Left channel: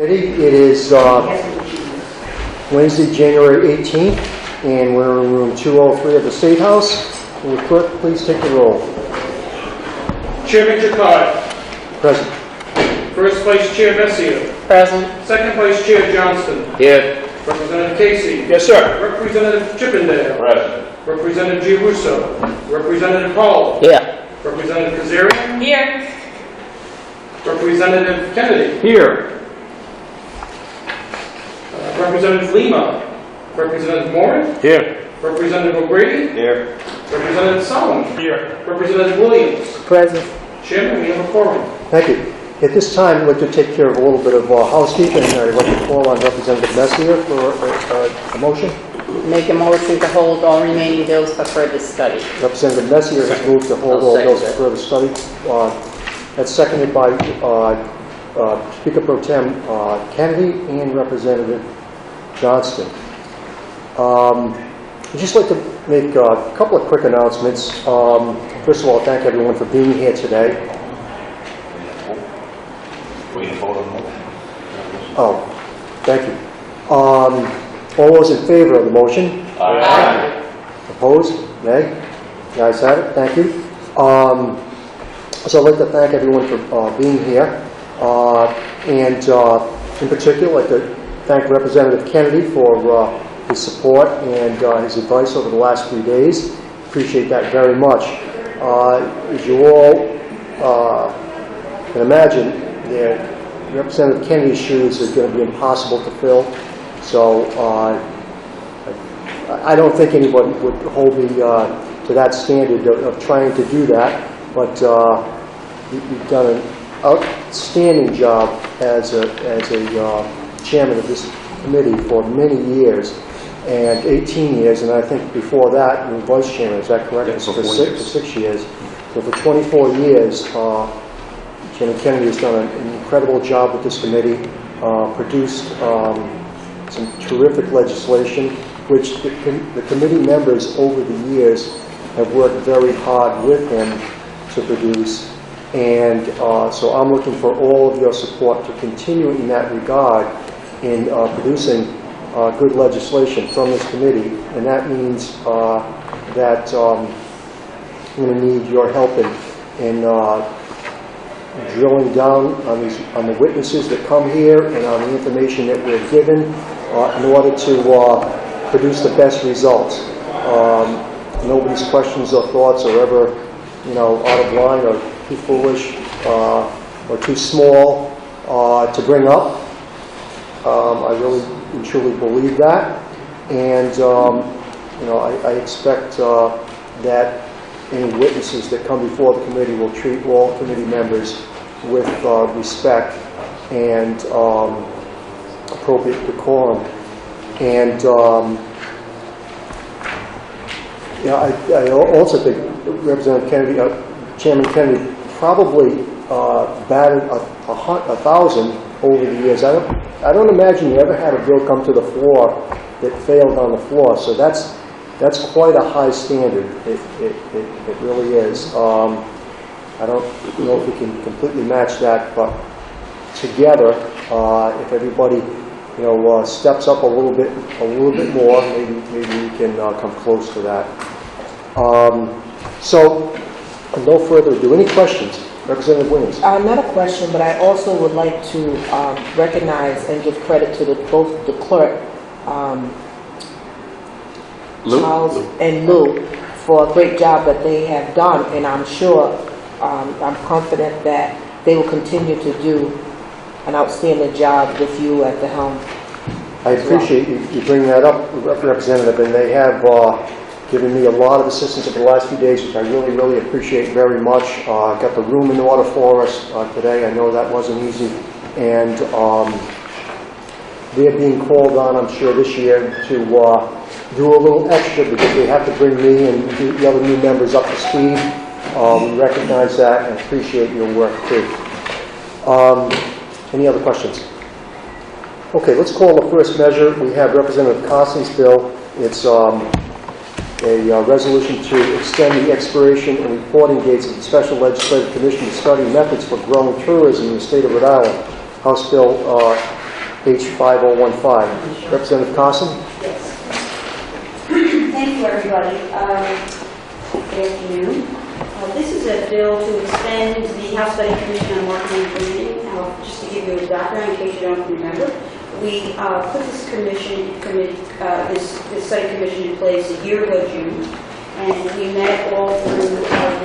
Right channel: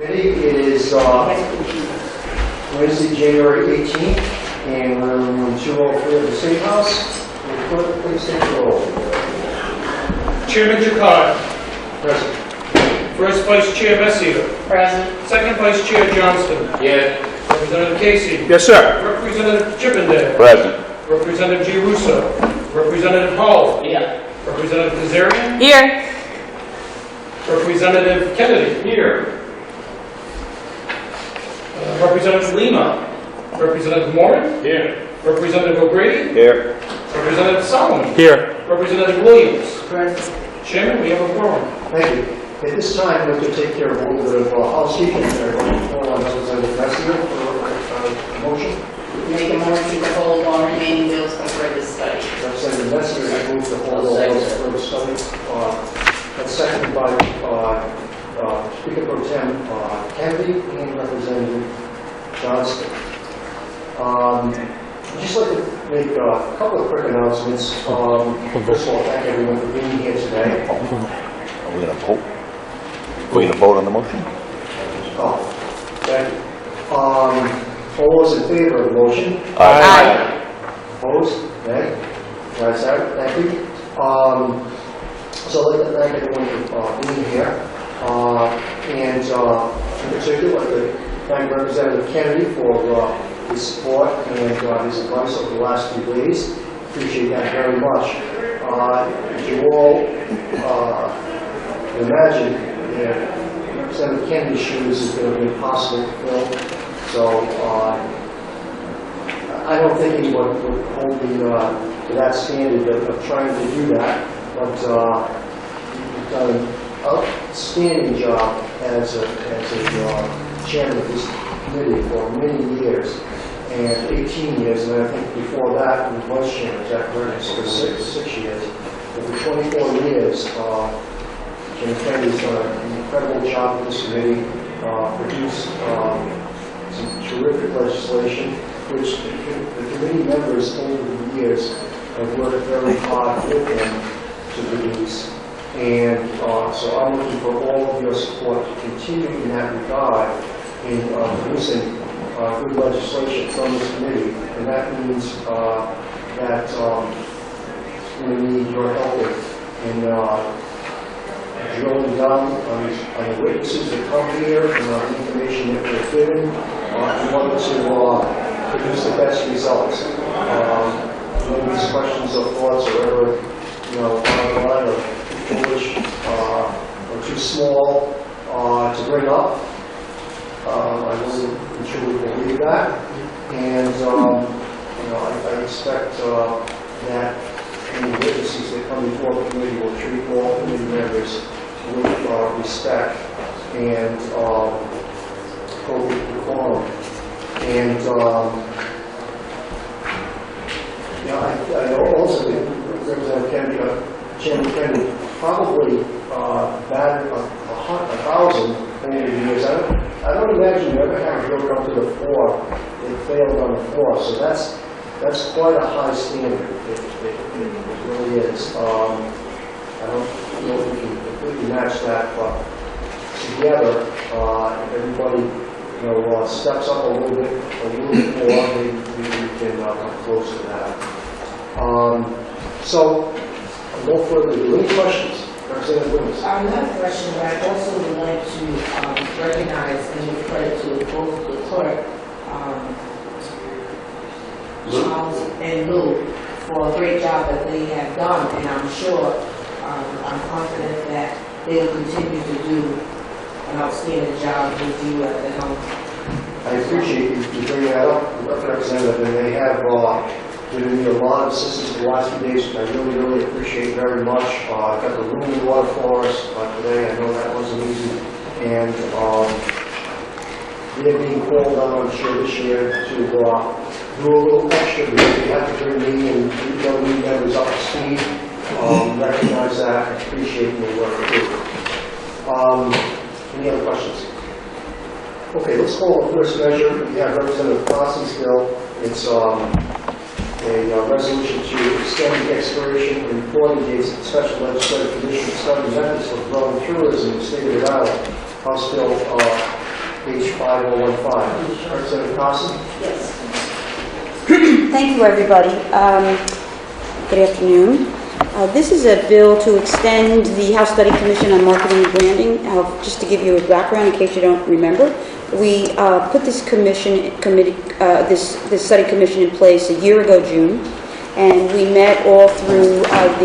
It is Wednesday, January 18th, and we're in room 203 of the State House. Will the clerk please take the roll? Chairman Jakarta. Present. First Vice Chair Messier. Present. Second Vice Chair Johnston. Here. Representative Casey. Yes, sir. Representative Chippendale. Present. Representative G. Russo. Representative Hall. Here. Representative Kazarian. Here. Representative Kennedy. Here. Representative Lima. Representative Moran. Here. Representative O'Grady. Here. Representative Solomon. Here. Representative Williams. Present. Chairman, we have a quorum. Thank you. At this time, I'd like to take care of a little bit of housekeeping. I'd like to call on Representative Messier for a motion. Make a motion to hold all remaining bills for further study. Representative Messier has moved to hold all those for further study. That's seconded by Speaker Pro Tem Kennedy and Representative Johnston. I'd just like to make a couple of quick announcements. First of all, thank everyone for being here today. Are we going to vote? We're going to vote on the motion? Oh, thank you. All those in favor of the motion? Aye. Opposed? Nay? The ayes have it. Thank you. So I'd like to thank everyone for being here. And in particular, I'd like to thank Representative Kennedy for his support and his advice over the last few days. Appreciate that very much. As you all can imagine, Representative Kennedy's shoes is going to be impossible to fill. So I don't think anybody would hold me to that standard of trying to do that. But you've done an outstanding job as a chairman of this committee for many years, and 18 years, and I think before that, you were vice chairman. Is that correct? So for six years. So for 24 years, Chairman Kennedy has done an incredible job with this committee, produced some terrific legislation, which the committee members over the years have worked very hard with him to produce. And so I'm looking for all of your support to continue in that regard in producing good legislation from this committee. And that means that I'm going to need your help in drilling down on the witnesses that come here and on the information that we're given in order to produce the best results. Nobody's questions or thoughts are ever, out of line or too foolish or too small to bring up. I really and truly believe that, and I expect that any witnesses that come before the committee will treat all committee members with respect and appropriate decorum. And I also think Representative Kennedy, Chairman Kennedy, probably batted 1,000 over the years. I don't imagine you ever had a bill come to the floor that failed on the floor. So that's quite a high standard. It really is. I don't know if we can completely match that, but together, if everybody steps up a little bit more, maybe we can come close to that. So, no further ado. Any questions? Representative Williams. Not a question, but I also would like to recognize and give credit to both the clerk, Charles and Lou, for a great job that they have done, and I'm sure, I'm confident that they will continue to do an outstanding job with you at the helm. I appreciate you bringing that up, Representative, and they have given me a lot of assistance over the last few days, which I really, really appreciate very much. Got the room in order for us today. I know that wasn't easy, and they're being called on, I'm sure, this year to do a little extra because they have to bring me and the other new members up to speed. We recognize that and appreciate your work too. Any other questions? Okay, let's call the first measure. We have Representative Carson's bill. It's a resolution to extend the expiration and reporting dates of the Special Legislative Commission to study methods for growing tourism in the state of Rhode Island. House Bill H5015. Representative Carson? Thank you, everybody. Good afternoon. This is a bill to extend the House Study Commission on Marketing and Branding. Just to give you a background in case you don't remember, we put this this study commission in place a year ago, June, and we met all through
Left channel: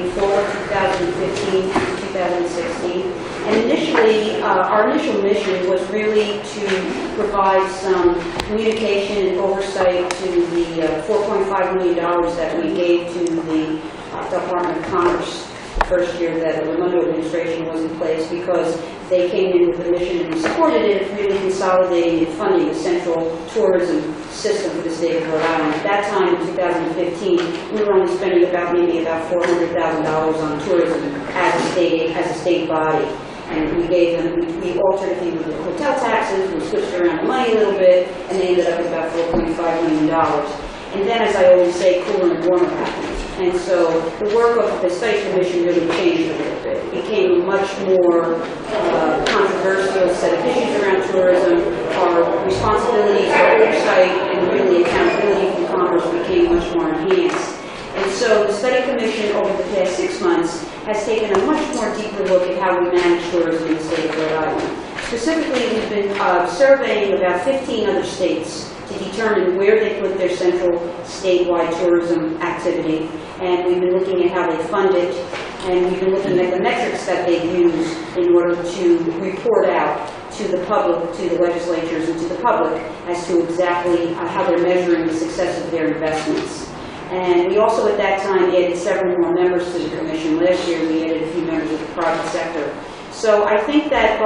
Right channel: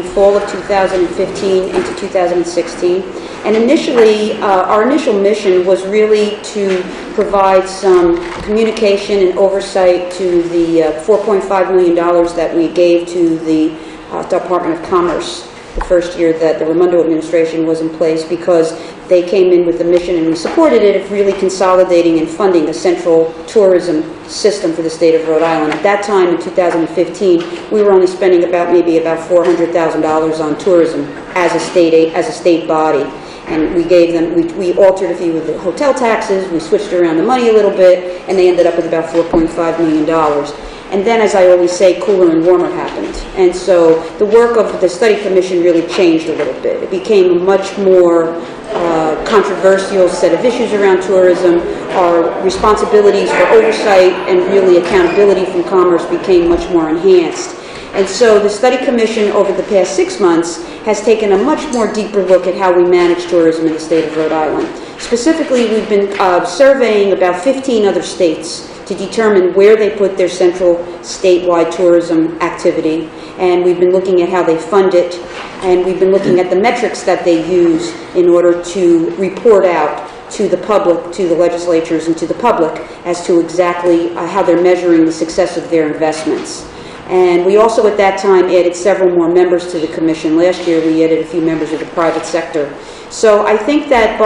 the fall of 2015 into 2016. And initially, our initial mission was really to provide some communication and oversight to the $4.5 million that we gave to the Department of Commerce the first year that the Raimondo administration was in place, because they came in with the mission, and we supported it, of really consolidating and funding a central tourism system for the state of Rhode Island. At that time, in 2015, we were only spending maybe about $400,000 on tourism as a state body. And we gave them, we altered a few of the hotel taxes, we switched around the money a little bit, and they ended up with about $4.5 million. And then, as I always say, cooler and warmer happened. And so the work of the study commission really changed a little bit. It became a much more controversial set of issues around tourism. Our responsibilities for oversight and really accountability from Commerce became much more enhanced. And so the study commission over the past 6 months has taken a much more deeper look at how we manage tourism in the state of Rhode Island. Specifically, we've been surveying about 15 other states to determine where they put their central statewide tourism activity. And we've been looking at how they fund it, and we've been looking at the metrics that they use in order to report out to the public, to the legislatures, and to the public as to exactly how they're measuring the success of their investments. And we also at that time added several more members to the commission. Last year we added a few members of the private sector. So I think that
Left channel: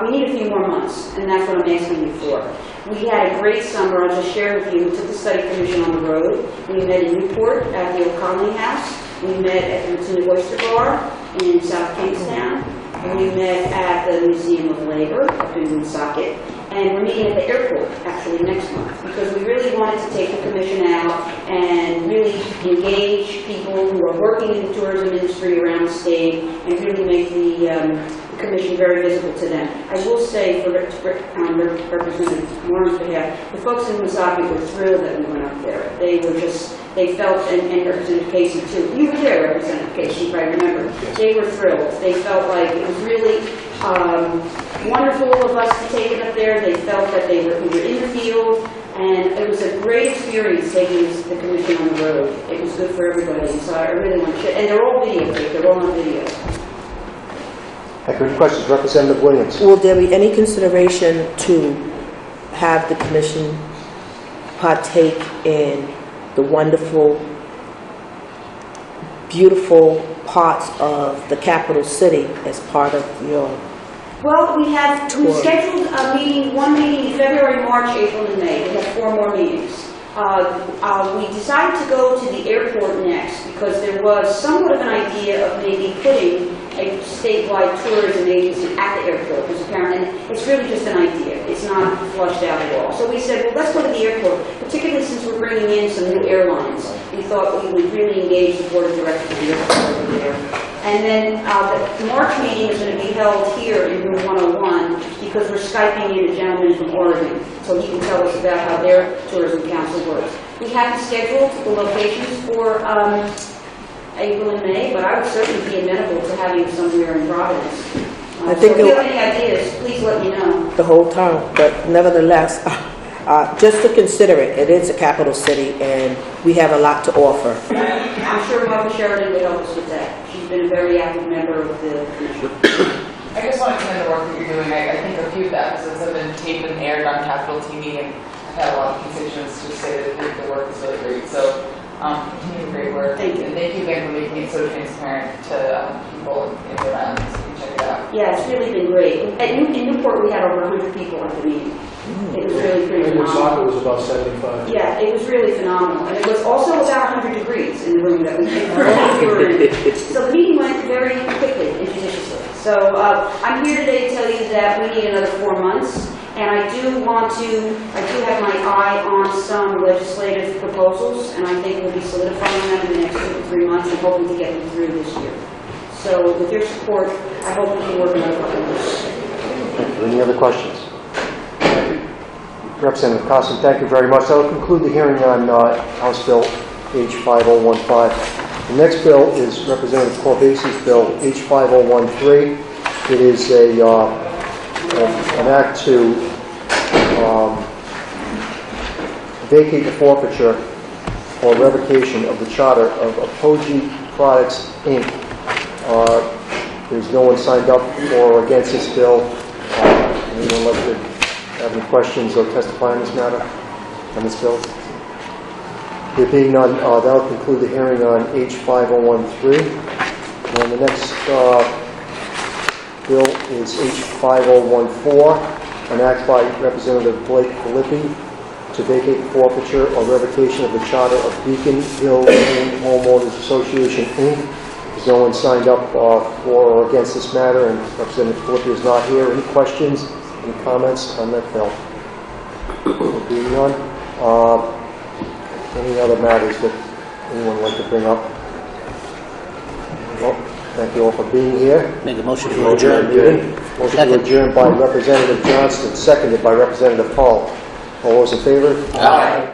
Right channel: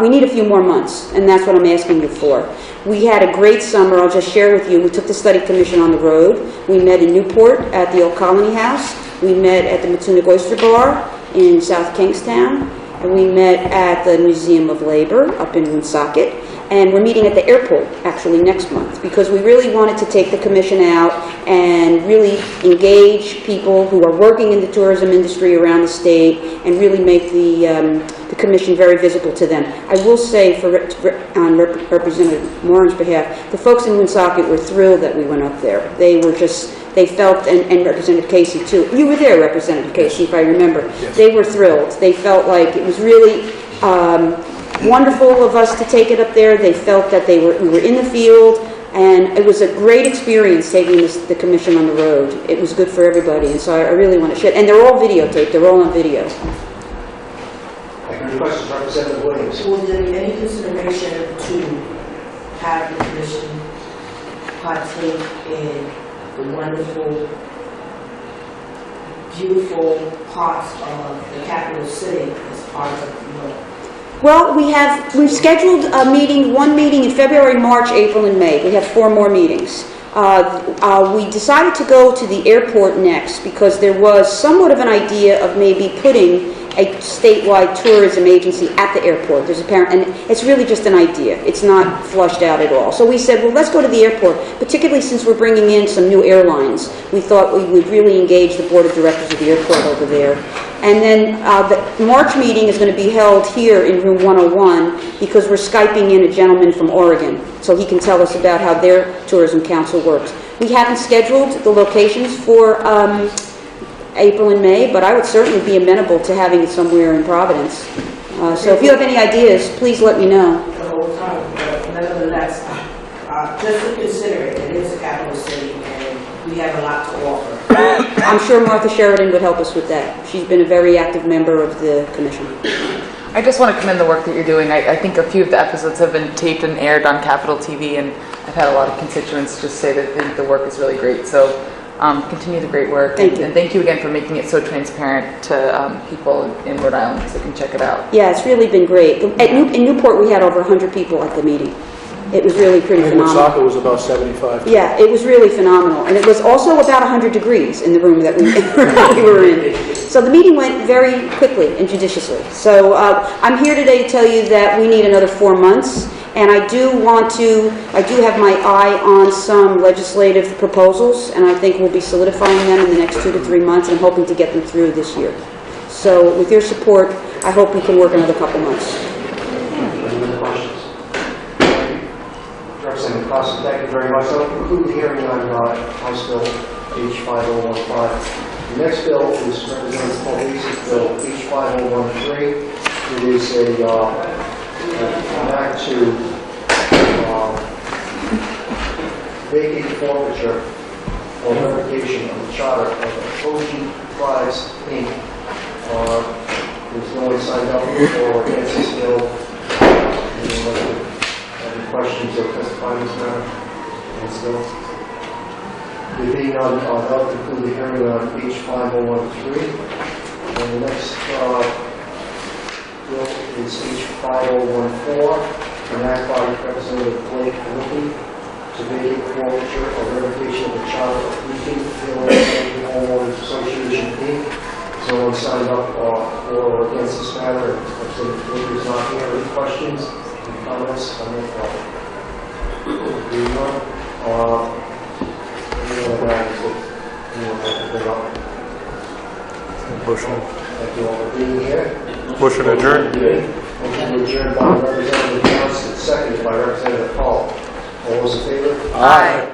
we need a few more months, and that's what I'm asking you for. We had a great summer. I'll just share with you. We took the study commission on the road. We met in Newport at the Old Colony House. We met at the Matunic Oyster Bar in South Kingstown. And we met at the Museum of Labor up in Woonsocket. And we're meeting at the airport, actually, next month, because we really wanted to take the commission out and really engage people who are working in the tourism industry around the state and really make the commission very visible to them. I will say, on Representative Moran's behalf, the folks in Woonsocket were thrilled that we went up there. They felt, and Representative Casey too. You were there, Representative Casey, if I remember. Yes. They were thrilled. They felt like it was really wonderful of us to take it up there. They felt that we were in the field, and it was a great experience taking the commission on the road. It was good for everybody, and so I really want to share. And they're all videotaped. They're all on video. Thank you. Any questions? Representative Williams? Will there be any consideration to have the commission partake in the wonderful, beautiful parts of the capital city as part of your... Well, we've scheduled one meeting in February, March, April, and May. We have 4 more meetings. We decided to go to the airport next because there was somewhat of an idea of maybe putting a statewide tourism agency at the airport. And it's really just an idea. It's not flushed out at all. So we said, well, let's go to the airport, particularly since we're bringing in some new airlines. We thought we would really engage the board of directors of the airport over there. And then the March meeting is going to be held here in room 101 because we're Skyping in a gentleman from Oregon, so he can tell us about how their tourism council works. We haven't scheduled the locations for April and May, but I would certainly be amenable to having it somewhere in Providence. So if you have any ideas, please let me know. The whole time, but nevertheless, just to consider it, it is a capital city, and we have a lot to offer. I'm sure Martha Sheridan would help us with that. She's been a very active member of the commission. I just want to commend the work that you're doing. I think a few of the episodes have been taped and aired on Capitol TV, and I've had a lot of constituents just say that they think the work is really great. So continue the great work. Thank you. And thank you again for making it so transparent to people in Rhode Island so they can check it out. Yeah, it's really been great. In Newport, we had over 100 people at the meeting. It was really pretty phenomenal. Woonsocket was about 75. Yeah, it was really phenomenal. And it was also about 100 degrees in the room that we were in. So the meeting went very quickly and judiciously. So I'm here today to tell you that we need another 4 months. And I do have my eye on some legislative proposals, and I think we'll be solidifying them in the next 2 to 3 months and hoping to get them through this year. So with your support, I hope we can work another couple months. Any other questions? Representative Costa, thank you very much. I'll conclude the hearing on House Bill H5015. The next bill is Representative Corbase's Bill H5013. It is an act to vacate the forfeiture or revocation of the charter of Apogee Products, Inc. There's no one signed up for or against this bill. Anyone like to have any questions or testify on this matter, on this bill? There being none, that'll conclude the hearing on H5013. And the next bill is H5014, an act by Representative Blake Filippi to vacate the forfeiture or revocation of the charter of Beacon Hill Homeowners Association, Inc. There's no one signed up for or against this matter, and Representative Filippi is not here. Any questions, any comments on that bill? Being none, any other matters that anyone wants to bring up? Well, thank you all for being here. Make a motion to adjourn. Motion to adjourn by Representative Johnston, seconded by Representative Paul. All those in favor? Aye.